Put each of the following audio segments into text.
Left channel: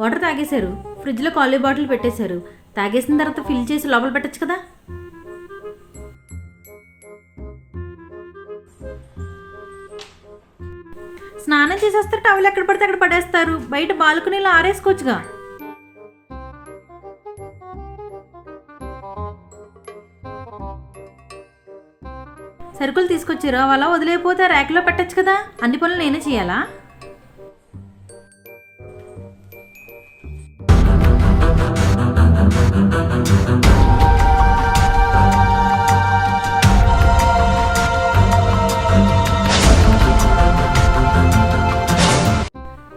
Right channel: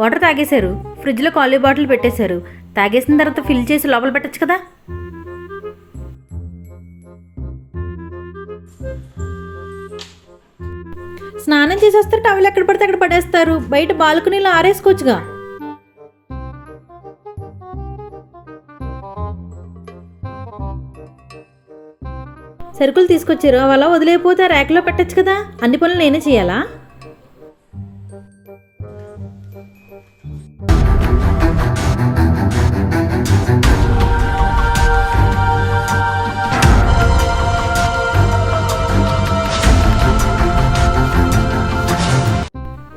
Water తాగేశారు, ఫ్రిడ్జ్లో ఖాళీ bottle పెట్టేశారు. తాగేసిన తర్వాత ఫిల్ చేసి లోపల పెట్టచ్చు కదా. స్నానం చేసి వస్తారు, టవల్ ఎక్కడ పడితే అక్కడ పడేస్తారు. బయట బాల్కనీలో ఆరేసుకోవచ్చుగా. సరుకులు తీసుకొచ్చారు, అవి అలా వదిలేకపోతే ర్యాక్లో పెట్టచ్చు కదా. అన్ని పనులు నేనే చేయాలా?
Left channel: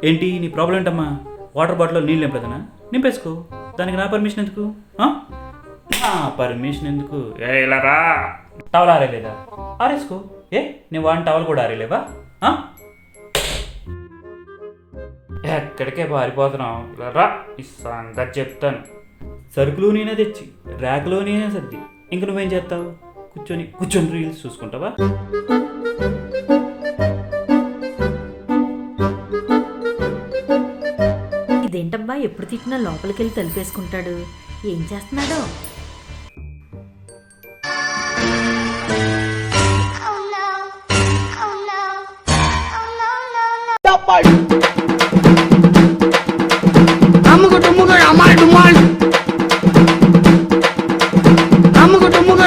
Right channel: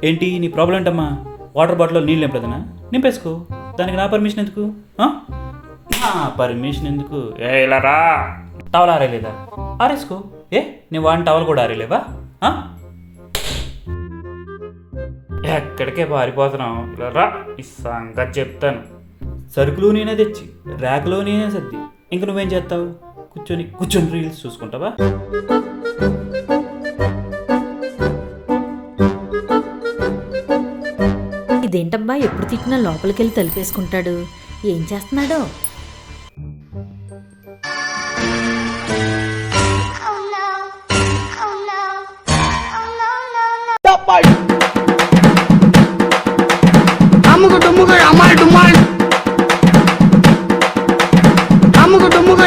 ఏంటి నీ ప్రాబ్లం ఏంటమ్మా? వాటర్ బాటిల్లో నీళ్ళు నింపలేదనా? నింపేసుకో. దానికి నా పర్మిషన్ ఎందుకు? పర్మిషన్ ఎందుకు? ఇలా రా. టవల్ ఆరేలేదా? ఆరేసుకో. నేను వాడిని టవల్ కూడా ఆరేలేవా? ఎక్కడికే పారిపోతున్నావు? రా, ఈ సంగతి చెప్తాను. సరుకులు నేనే తెచ్చి ర్యాక్లో నేనే సర్ది, ఇంక నువ్వేం చేస్తావు? కూర్చొని రీల్స్ చూసుకుంటావా? ఇదేంటబ్బా, ఎప్పుడు తిట్టినా లోపలికి వెళ్ళి తలిపేసుకుంటాడు. ఏం చేస్తున్నాడో? అమ్ముకు డుమ్ముకు అమ్మాయి డుమ్మాయి అమ్ముకు డుమ్ముకు